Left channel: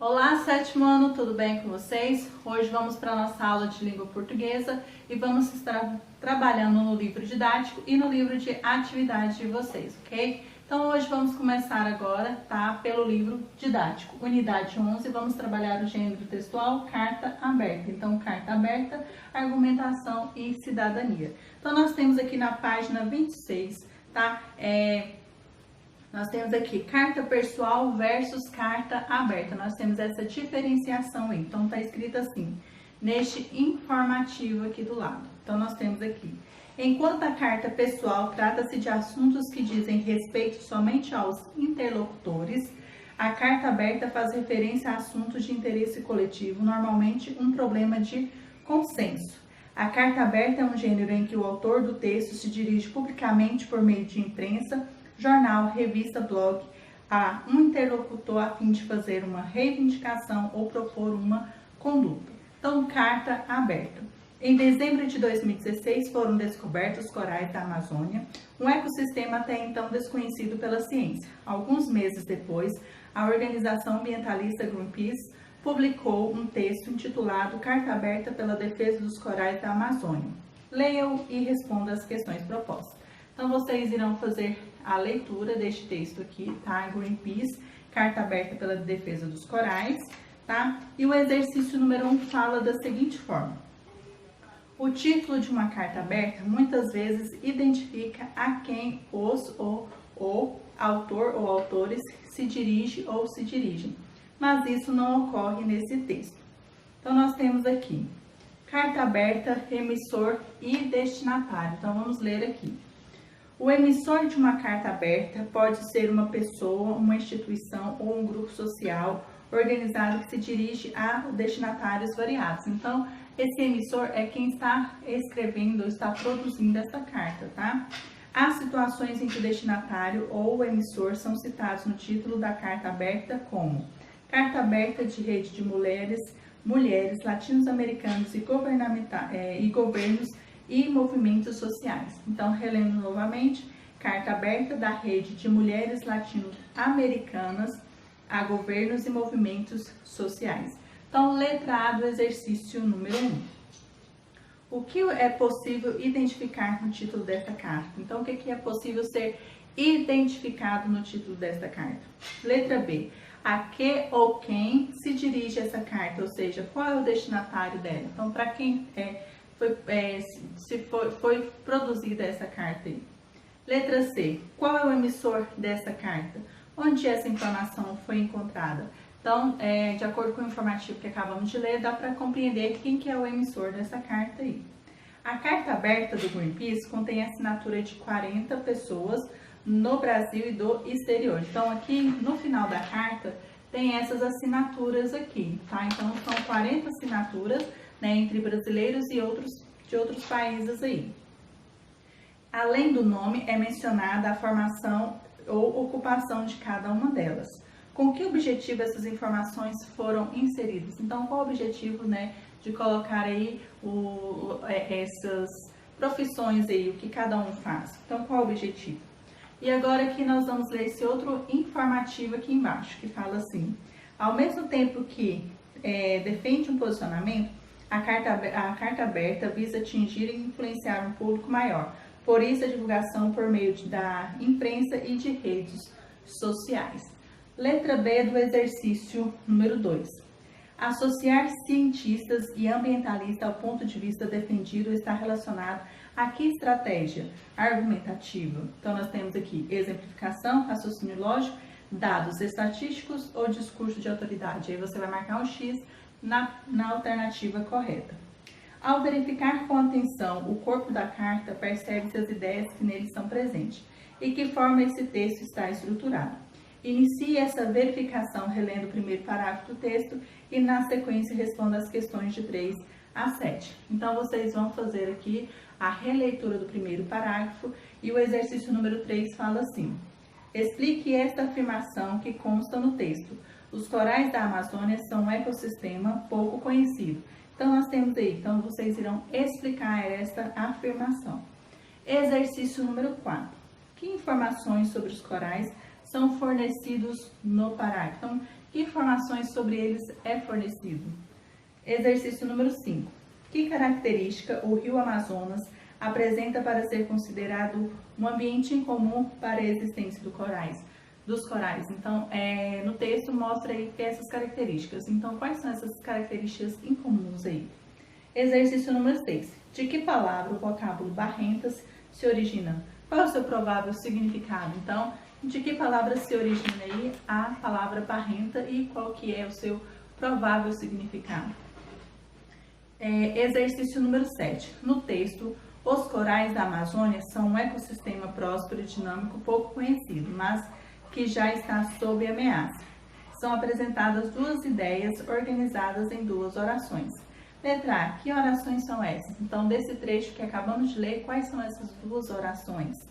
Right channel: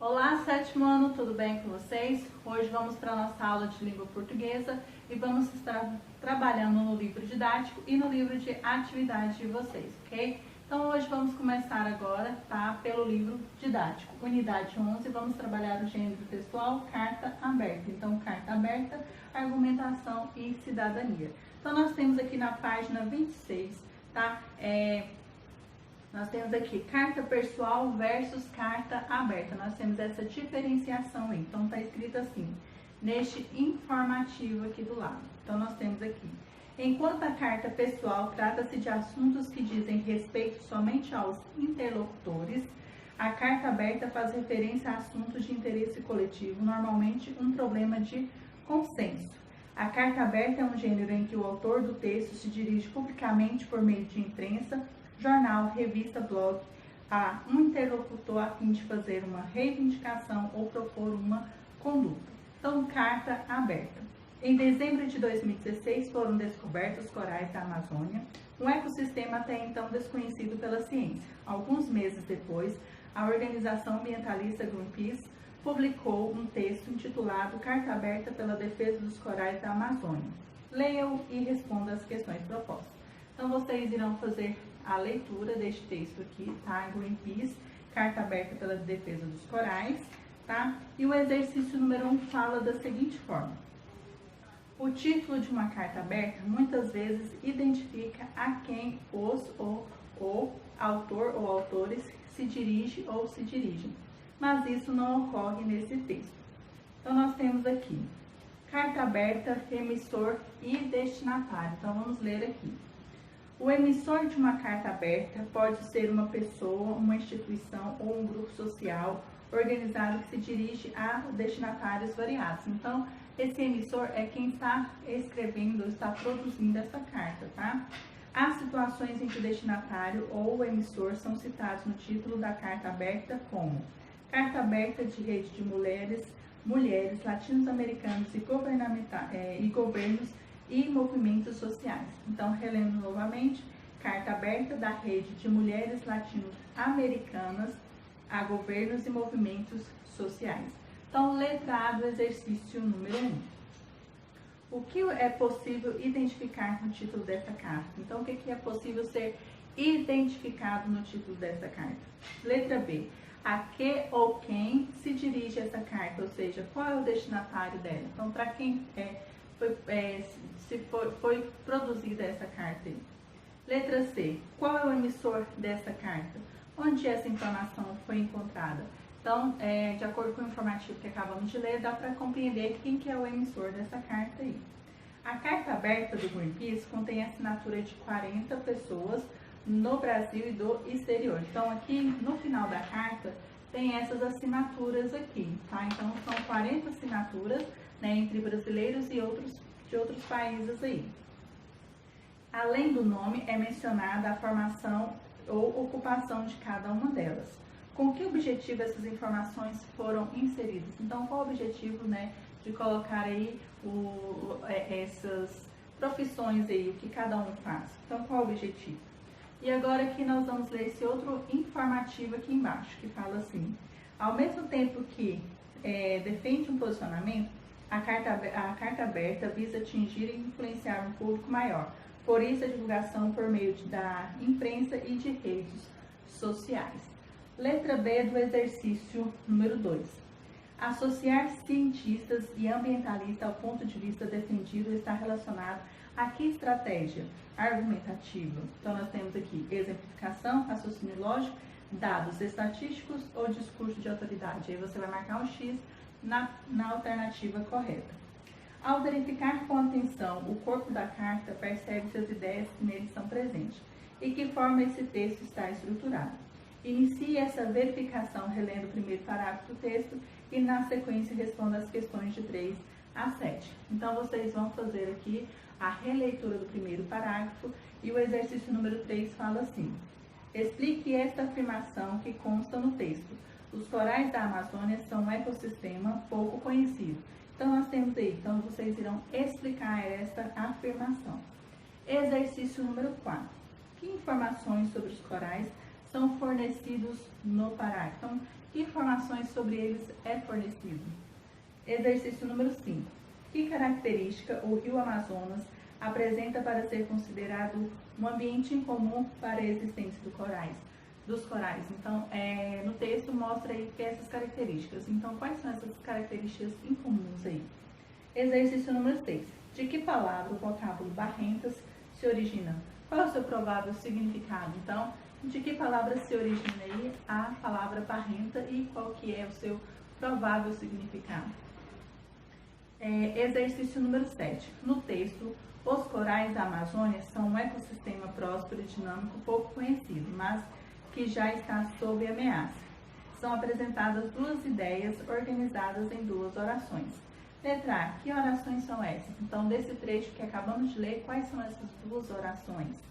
Olá, sétimo ano, tudo bem com vocês? Hoje vamos para a nossa aula de língua portuguesa e vamos estar trabalhando no livro didático e no livro de atividade de vocês, ok? Então hoje vamos começar agora, tá? Pelo livro didático, unidade 11, vamos trabalhar o gênero textual, carta aberta. Então, carta aberta, argumentação e cidadania. Então nós temos aqui na página 26, tá? Nós temos aqui carta pessoal versus carta aberta. Nós temos essa diferenciação aí. Então, está escrito assim, neste informativo aqui do lado. Então, nós temos aqui. Enquanto a carta pessoal trata-se de assuntos que dizem respeito somente aos interlocutores, a carta aberta faz referência a assuntos de interesse coletivo, normalmente um problema de consenso. A carta aberta é um gênero em que o autor do texto se dirige publicamente por meio de imprensa, jornal, revista, blog, a um interlocutor a fim de fazer uma reivindicação ou propor uma conduta. Então, carta aberta. Em dezembro de 2016 foram descobertos os corais da Amazônia, um ecossistema até então desconhecido pela ciência. Alguns meses depois, a organização ambientalista Greenpeace publicou um texto intitulado Carta Aberta pela Defesa dos Corais da Amazônia. Leia-o e responda as questões propostas. Então, vocês irão fazer a leitura deste texto aqui, tá? Greenpeace, Carta Aberta pela Defesa dos Corais, tá? E o exercício número 1 fala da seguinte forma. O título de uma carta aberta muitas vezes identifica a quem o autor ou autores se dirige ou se dirigem, mas isso não ocorre nesse texto. Então, nós temos aqui, carta aberta, emissor e destinatário. Então, vamos ler aqui. O emissor de uma carta aberta pode ser uma pessoa, uma instituição ou um grupo social organizado que se dirige a destinatários variados. Então, esse emissor é quem está escrevendo ou está produzindo essa carta, tá? Há situações em que o destinatário ou o emissor são citados no título da carta aberta como Carta Aberta de Rede de Mulheres Latinos-Americanos e Governos e movimentos sociais. Então, relendo novamente, carta aberta da rede de mulheres latino-americanas a governos e movimentos sociais. Então, letra A do exercício número 1. O que é possível identificar no título desta carta? Então, o que é possível ser identificado no título desta carta? Letra B. A que ou quem se dirige essa carta? Ou seja, qual é o destinatário dela? Então, para quem foi produzida essa carta aí. Letra C. Qual é o emissor dessa carta? Onde essa informação foi encontrada? Então, de acordo com o informativo que acabamos de ler, dá para compreender quem que é o emissor dessa carta aí. A carta aberta do Greenpeace contém a assinatura de 40 pessoas no Brasil e do exterior. Então, aqui no final da carta tem essas assinaturas aqui, tá? Então, são 40 assinaturas, né, entre brasileiros e de outros países aí. Além do nome, é mencionada a formação ou ocupação de cada uma delas. Com que objetivo essas informações foram inseridas? Então, qual o objetivo, né, de colocar aí essas profissões aí, o que cada um faz? Então, qual o objetivo? E agora aqui nós vamos ler esse outro informativo aqui embaixo, que fala assim, ao mesmo tempo que defende um posicionamento, a carta aberta visa atingir e influenciar um público maior. Por isso, a divulgação por meio da imprensa e de redes sociais. Letra B do exercício número 2. Associar cientistas e ambientalistas ao ponto de vista defendido está relacionado a que estratégia argumentativa? Então, nós temos aqui exemplificação, raciocínio lógico, dados estatísticos ou discurso de autoridade. Aí você vai marcar um X na alternativa correta. Ao verificar com atenção o corpo da carta, percebe-se as ideias que nele estão presentes e que forma esse texto está estruturado. Inicie essa verificação relendo o primeiro parágrafo do texto e, na sequência, responda as questões de 3 a 7. Então, vocês vão fazer aqui a releitura do primeiro parágrafo e o exercício número 3 fala assim. Explique esta afirmação que consta no texto. Os corais da Amazônia são um ecossistema pouco conhecido. Então, nós temos aí, então vocês irão explicar esta afirmação. Exercício número 4. Que informações sobre os corais são fornecidos no parágrafo? Então, Que informações sobre eles é fornecido? Exercício número 5. Que característica o rio Amazonas apresenta para ser considerado um ambiente em comum para a existência dos corais? Então, no texto mostra aí que essas características. Então, quais são essas características incomuns aí? Exercício número 6. De que palavra o vocábulo barrentas se origina? Qual é o seu provável significado? Então, de que palavra se origina aí a palavra barrenta e qual que é o seu provável significado? Exercício número 7. No texto, os corais da Amazônia são um ecossistema próspero e dinâmico pouco conhecido, mas que já está sob ameaça. São apresentadas duas ideias organizadas em duas orações. Letra A. Que orações são essas? Então, desse trecho que acabamos de ler, quais são essas duas orações?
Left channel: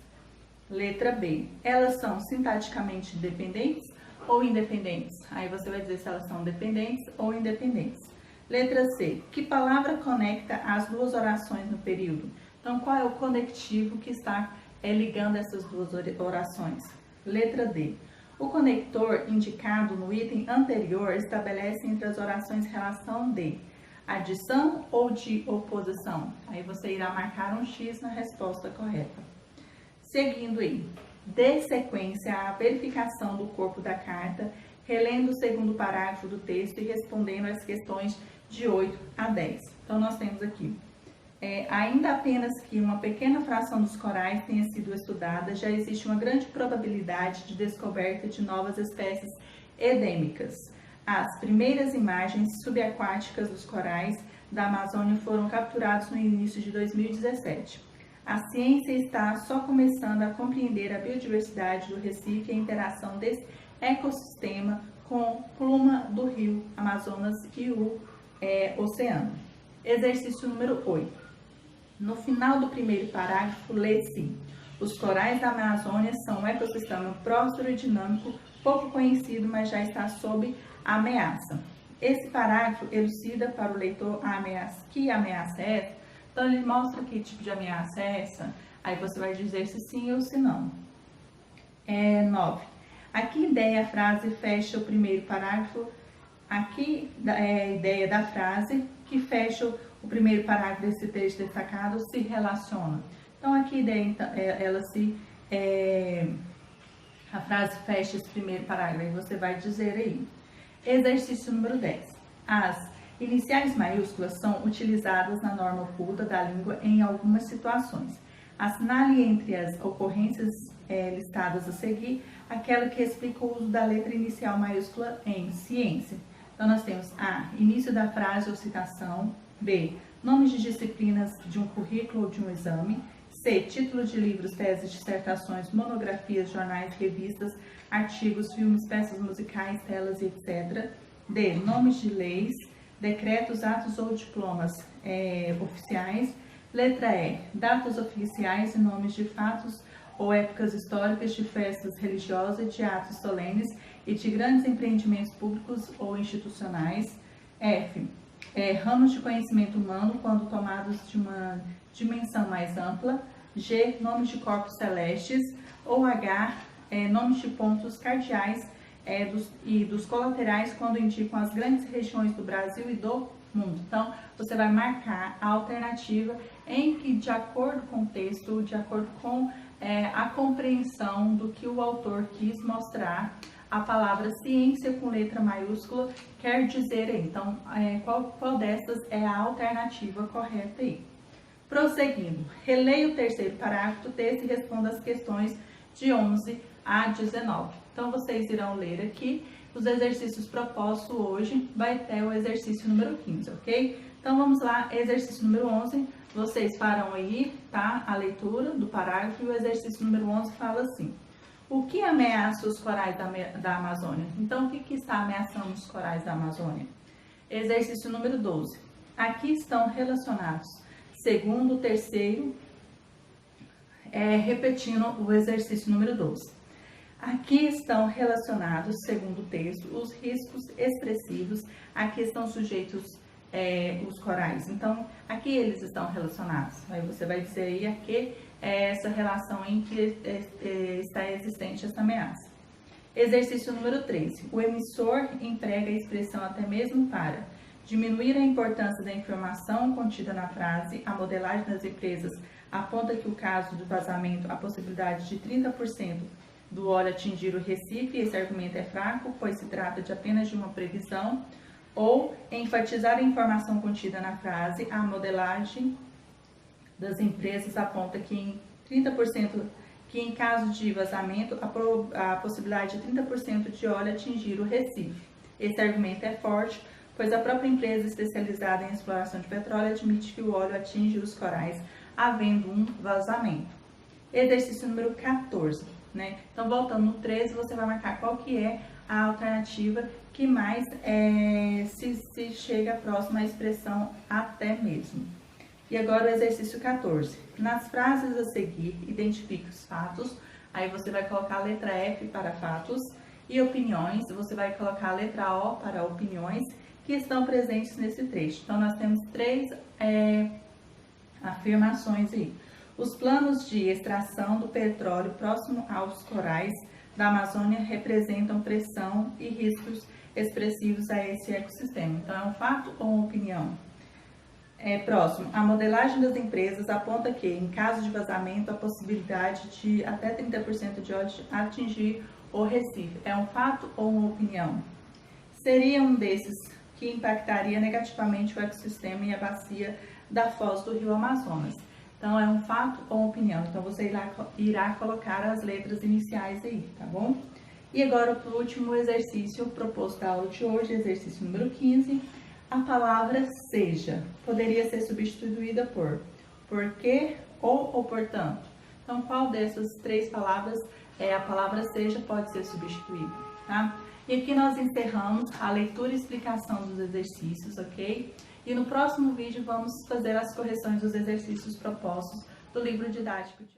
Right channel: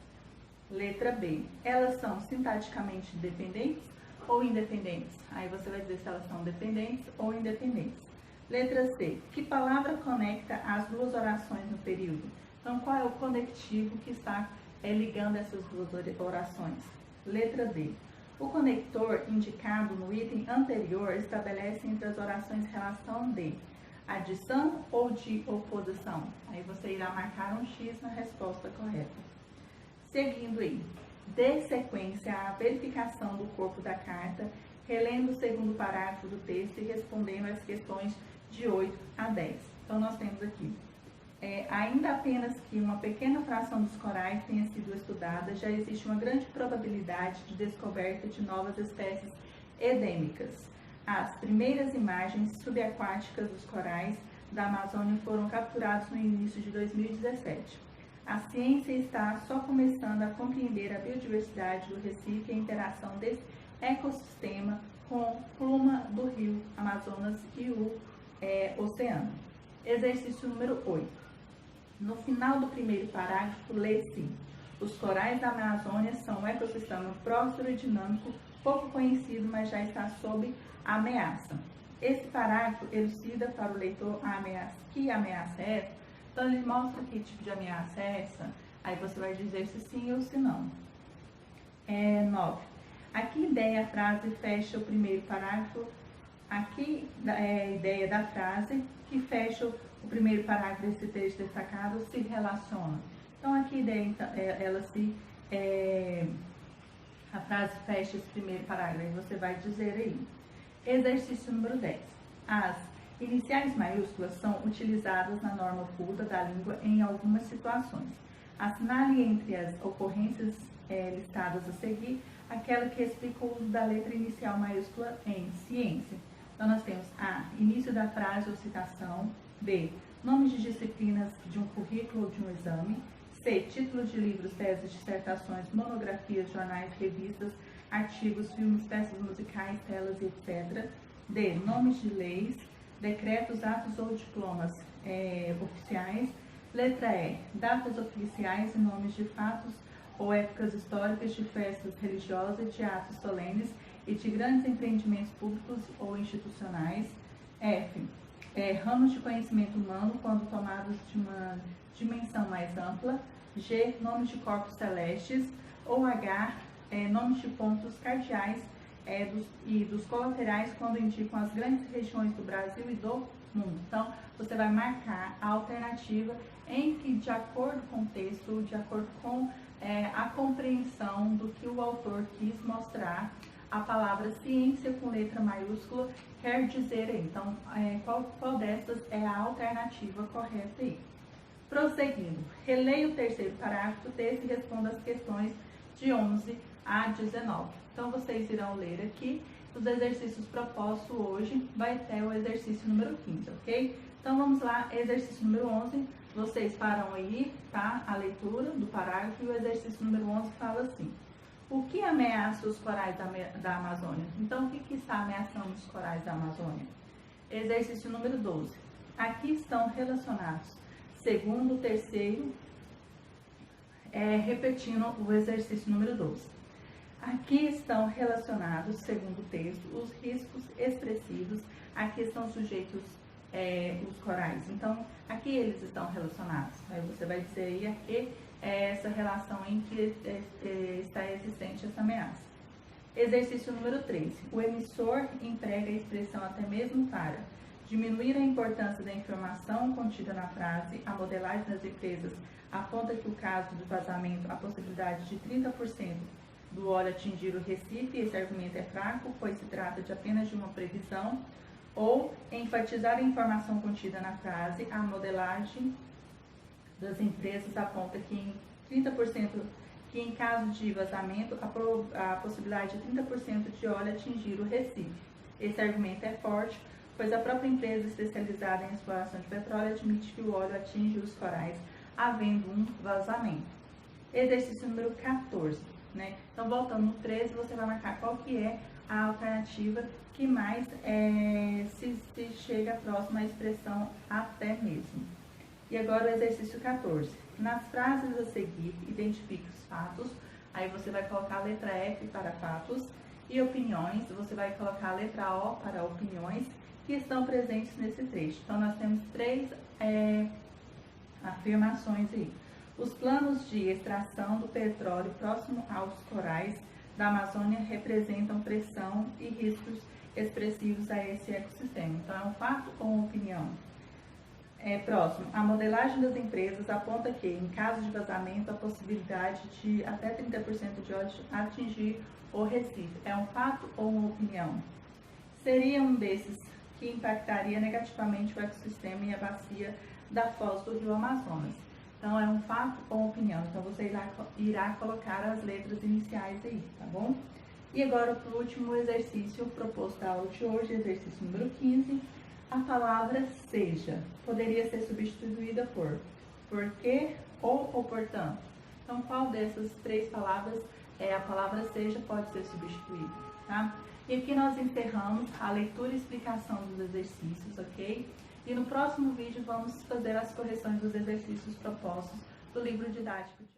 Letra B. Elas são sintaticamente dependentes ou independentes? Aí você vai dizer se elas são dependentes ou independentes. Letra C. Que palavra conecta as duas orações no período? Então, qual é o conectivo que está ligando essas duas orações? Letra D. O conector indicado no item anterior estabelece entre as orações relação de adição ou de oposição? Aí você irá marcar um X na resposta correta. Seguindo aí, dê sequência à verificação do corpo da carta, relendo o segundo parágrafo do texto e respondendo às questões de 8 a 10. Então, nós temos aqui, ainda apenas que uma pequena fração dos corais tenha sido estudada, já existe uma grande probabilidade de descoberta de novas espécies endêmicas. As primeiras imagens subaquáticas dos corais da Amazônia foram capturadas no início de 2017. A ciência está só começando a compreender a biodiversidade do Recife e a interação desse ecossistema com a pluma do rio Amazonas e o oceano. Exercício número 8. No final do primeiro parágrafo, lê-se: os corais da Amazônia são um ecossistema próspero e dinâmico, pouco conhecido, mas já está sob ameaça. Esse parágrafo elucida para o leitor que ameaça é essa. Então, ele mostra que tipo de ameaça é essa. Aí você vai dizer se sim ou se não. 9. A que ideia a frase fecha o primeiro parágrafo? Aqui é a ideia da frase que fecha o primeiro parágrafo desse texto destacado se relaciona. Então, aqui a ideia, a frase fecha esse primeiro parágrafo e você vai dizer aí. Exercício número 10. As iniciais maiúsculas são utilizadas na norma oculta da língua em algumas situações. Assinale entre as ocorrências listadas a seguir aquela que explica o uso da letra inicial maiúscula em ciência. Então, nós temos A. Início da frase ou citação. B. Nomes de disciplinas de um currículo ou de um exame. C. Título de livros, teses, dissertações, monografias, jornais, revistas, artigos, filmes, peças musicais, telas, etc. D. Nomes de leis, decretos, atos ou diplomas oficiais. Letra E. Datas oficiais e nomes de fatos ou épocas históricas, de festas religiosas, de atos solenes e de grandes empreendimentos públicos ou institucionais. F. Ramos de conhecimento humano quando tomados de uma dimensão mais ampla. G. Nomes de corpos celestes. Ou H. Nomes de pontos cardeais e dos colaterais quando indicam as grandes regiões do Brasil e do mundo. Então, você vai marcar a alternativa em que, de acordo com o texto, de acordo com a compreensão do que o autor quis mostrar, a palavra ciência com letra maiúscula quer dizer aí. Então, qual dessas é a alternativa correta aí? Prosseguindo, releia o terceiro parágrafo do texto e responda as questões de 11 a 19. Então, vocês irão ler aqui os exercícios propostos hoje, vai até o exercício número 15, ok? Então, vamos lá, exercício número 11, vocês farão aí, tá? A leitura do parágrafo e o exercício número 11 fala assim: o que ameaça os corais da Amazônia? Então, o que está ameaçando os corais da Amazônia? Exercício número 12. Aqui estão relacionados, segundo, terceiro, repetindo o exercício número 12. Aqui estão relacionados, segundo o texto, os riscos expressivos a que estão sujeitos os corais. Então, aqui eles estão relacionados. Aí você vai dizer aí aqui essa relação em que está existente essa ameaça. Exercício número 3. O emissor emprega a expressão até mesmo para diminuir a importância da informação contida na frase. A modelagem das empresas aponta que o caso de vazamento, a possibilidade de 30% do óleo atingir o Recife. Esse argumento é fraco, pois se trata de apenas de uma previsão. Ou enfatizar a informação contida na frase. A modelagem das empresas aponta que em 30% que em caso de vazamento, a possibilidade de 30% de óleo atingir o Recife. Esse argumento é forte, pois a própria empresa especializada em exploração de petróleo admite que o óleo atinge os corais, havendo um vazamento. Exercício número 14. Então, voltando no 13, você vai marcar qual que é a alternativa que mais se chega próximo à expressão até mesmo. E agora o exercício 14. Nas frases a seguir, identifique os fatos. Aí você vai colocar a letra F para fatos e opiniões. Você vai colocar a letra O para opiniões que estão presentes nesse trecho. Então, nós temos 3 afirmações aí. Os planos de extração do petróleo próximo aos corais da Amazônia representam pressão e riscos expressivos a esse ecossistema. Então, é um fato ou uma opinião? Próximo, a modelagem das empresas aponta que, em caso de vazamento, a possibilidade de até 30% de óleo atingir o Recife. É um fato ou uma opinião? Seria um desses que impactaria negativamente o ecossistema e a bacia da foz do rio Amazonas. Então, é um fato ou uma opinião? Então, você irá colocar as letras iniciais aí, tá bom? E agora, por último, o exercício proposto da aula de hoje, exercício número 15. A palavra seja poderia ser substituída por porque ou portanto. Então, qual dessas 3 palavras a palavra seja pode ser substituída, tá? E aqui nós encerramos a leitura e explicação dos exercícios, ok? E no próximo vídeo vamos fazer as correções dos exercícios propostos do livro didático de hoje.